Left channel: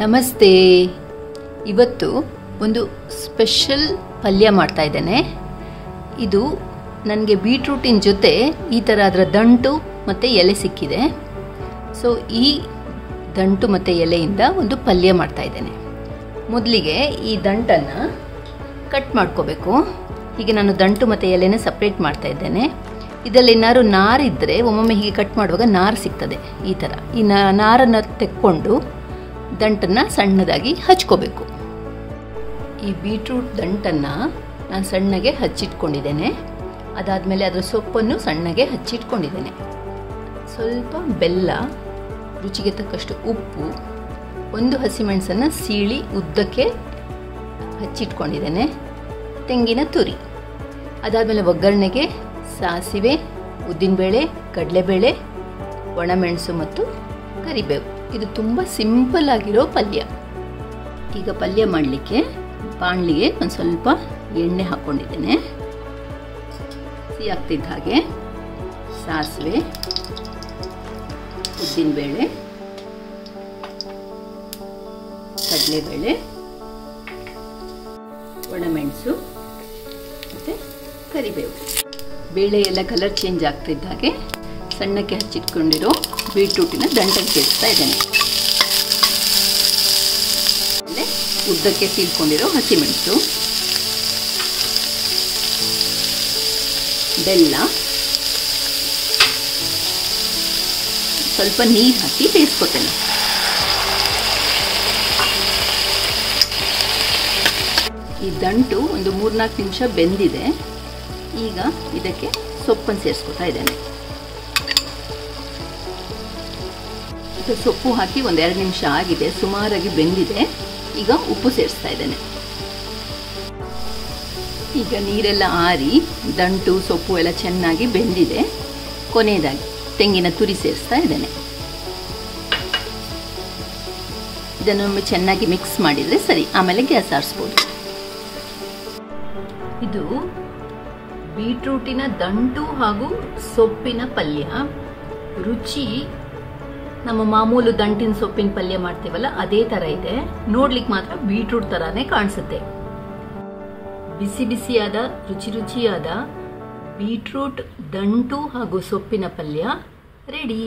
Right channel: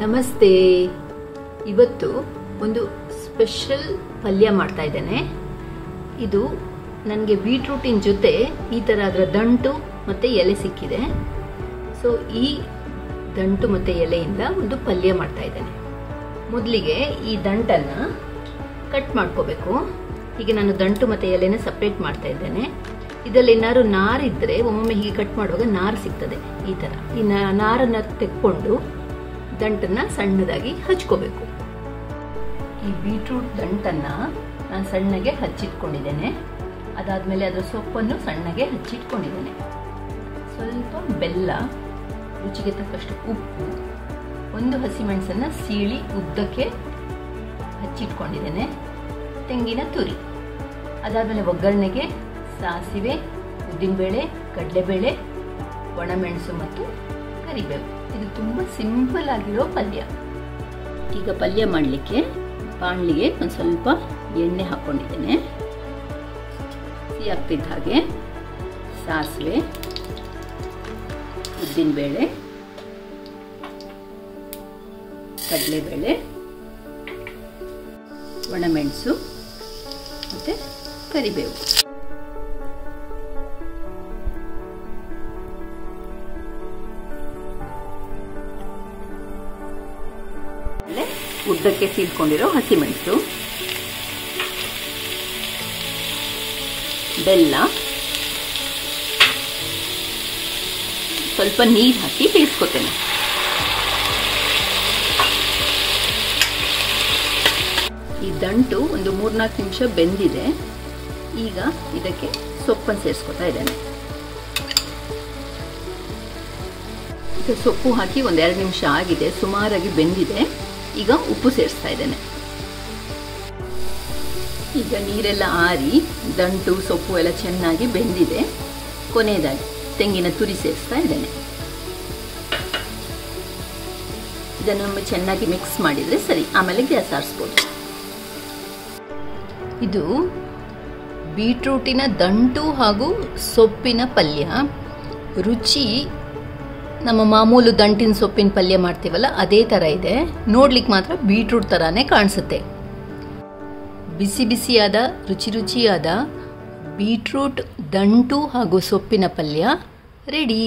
ನಮಸ್ತೆ. ಇವತ್ತು ಒಂದು ಸ್ಪೆಷಲ್ ಪಲ್ಯ ಮಾಡ್ತಾ ಇದ್ದೇನೆ. ಇದು ನನಗೆ ಬೀಟ್ರೂಟಿನ ಜೊತೆ ಈ ಥರ ಅದರ ದಂಟು ಮತ್ತು ಎಲೆ ಸಿಕ್ಕಿದೆ. ಸೊ ಈ ದಂಟು ಮತ್ತು ಎಲೆಯಿಂದ ಒಂದು ಪಲ್ಯ ಮಾಡ್ತಾ ಇದ್ದೇನೆ. ಮೊದಲಿಗೆ ಈ ದಂಟನ್ನು ಕಟ್ ಮಾಡ್ಕೋಬೇಕು. ಈಗ ನಾನು ದಂಟು ಮತ್ತು ಎಲೆನ ಸಪ್ರೇಟ್ ಮಾಡ್ತಾ ಇದ್ದೇನೆ. ಇದರಲ್ಲಿ ಏನಾದ್ರು ನಾರಿದ್ದರೆ ಒಮ್ಮೊಮ್ಮೆ ಹೀಗೆ ಕಟ್ ಮಾಡುವಾಗ ನಾರು ಸಿಗ್ತದೆ. ಈ ಥರ ಈ ನಾರನ್ನು ತೆಕ್ಕೊಂಡು ದಂಟನ್ನು ಸಣ್ಣದಾಗಿ ಹಚ್ಕೋಬೇಕು. ಈ ಬೀಟ್ರೂಟ್ ದಂಟನ್ನು ನಾನು ಸಣ್ಣಗೆ ಹಚ್ಚಿಟ್ಕೊಂಡಿದ್ದೇನೆ. ಅದಾದಮೇಲೆ ಅದರ ಸೊಪ್ಪನ್ನು ಸಣ್ಣಗೆ ಹಚ್ಚಿಟ್ಕೊಂಡಿದ್ದೇನೆ. ಸ್ವಲ್ಪ ಬೆಲ್ಲ, ರುಚಿಗೆ ತಕ್ಕಷ್ಟು ಉಪ್ಪು, ಒಂದು ಹಸಿಮೆಣಸನ್ನು ಸೀಳಿ ಉದ್ದಕ್ಕೆ ಹಚ್ಚಿಟ್ಕೊಂಡಿದ್ದೇನೆ, ತೆಂಗಿನ ತುರಿ. ಅದಾದಮೇಲೆ ಒಗ್ಗರಣೆಗೆ ಸಾಸಿವೆ, ಉದ್ದಿನಬೇಳೆ, ಕಡಲೆಬೇಳೆ, ಒಣಮೆಣಸು ಮತ್ತು ಕರಿಬೇವು. ಇದು ತುಂಬ ಸಿಂಪಲ್ ಆಗಿರೋ ಪಲ್ಯ. ಈಗ ಪಲ್ಯ ಮಾಡಲಿಕ್ಕೆ ಬಾಣಲಿಗೆ ಒಂದು ಸ್ವಲ್ಪ ಎಣ್ಣೆ ಹಾಕ್ಕೊಂಡಿದ್ದೇನೆ. ಸಿಹಿ ಆಗ್ತಿದ್ದ ಹಾಗೆ ಸಾಸಿವೆ, ಉದ್ದಿನಬೇಳೆ, ಕಡಲೆಬೇಳೆ, ಒಣಮೆಣಸು ಮತ್ತು ಕರಿಬೇವು. ಬೇಳೆ ಎಲ್ಲ ಕಲರ್ ಚೇಂಜ್ ಆಗ್ತಿದ್ದ ಹಾಗೆ ಸಣ್ಣಕ್ಕೆ ಹಚ್ಚಿಟ್ಕೊಂಡಿರೋ ಬೀಟ್ರೂಟಿನ ದಂಟನ್ನು ಸೇರಿಸ್ತಾ ಇದ್ದೇನೆ. ಆಮೇಲೆ ಉದ್ದಕ್ಕೆ ಸೀಳ್ಕೊಂಡಿರೋ ಹಸಿಮೆಣಸು, ಬೆಲ್ಲ, ಸ್ವಲ್ಪ ನೀರು ಹಾಕಿ ಬೇಯಿಸ್ಕೊತೇನೆ. ಈ ದಂಟು ಒಂದು 3-4 ನಿಮಿಷ ಬೆಂದಿದೆ. ಈಗ ಇದಕ್ಕೆ ಸೊಪ್ಪನ್ನು ಸೇರಿಸ್ಕೊತಾ ಇದ್ದೇನೆ. ಈಗ ಸೊಪ್ಪು ಹಾಕಿ 1-2 ನಿಮಿಷ ಆಗಿದೆ, ಸುಮಾರಾಗಿ ಬೆಂದಿದೆ. ಈಗ ಉಪ್ಪು ಸೇರಿಸ್ತಾ ಇದ್ದೇನೆ. ಈಗ ನೀರೆಲ್ಲ ಆರಿ ದಂಟು ಸೊಪ್ಪು ಎಲ್ಲ ಚೆನ್ನಾಗಿ ಬೆಂದಿದೆ. ಕೊನೆಯದಾಗಿ ತೆಂಗಿನ ತುರಿ ಸೇರಿಸ್ತಾ ಇದ್ದೇನೆ. ಇದನ್ನು ಚೆನ್ನಾಗಿ ಮಿಕ್ಸ್ ಮಾಡಿದರೆ ಸರಿ, ಆಮೇಲೆ ಗ್ಯಾಸ್ ಆರಿಸ್ಬೋದು. ಇದು ಬೀಟ್ರೂಟಿನ ದಂಟು ಹಾಗೂ ಸೊಪ್ಪಿನ ಪಲ್ಯ. ರುಚಿ ನಮ್ಮ ಮಾಮೂಲು ದಂಟಿನ ಸೊಪ್ಪಿನ ಪಲ್ಯ ಮಾಡ್ತೀವಲ್ಲ ಅದೇ ಥರ ಇದೆ. ನೋಡ್ಲಿಕ್ಕೆ ಮಾತ್ರ ಬೀಟ್ರೂಟ್ ಥರಾನೇ ಕಾಣಿಸುತ್ತೆ. ಬಿಸಿ ಬಿಸಿಯಾದ ರುಚಿಯಾದ ಬೀಟ್ರೂಟ್ ದಂಟು ಹಾಗೂ ಸೊಪ್ಪಿನ ಪಲ್ಯ ರೆಡಿ.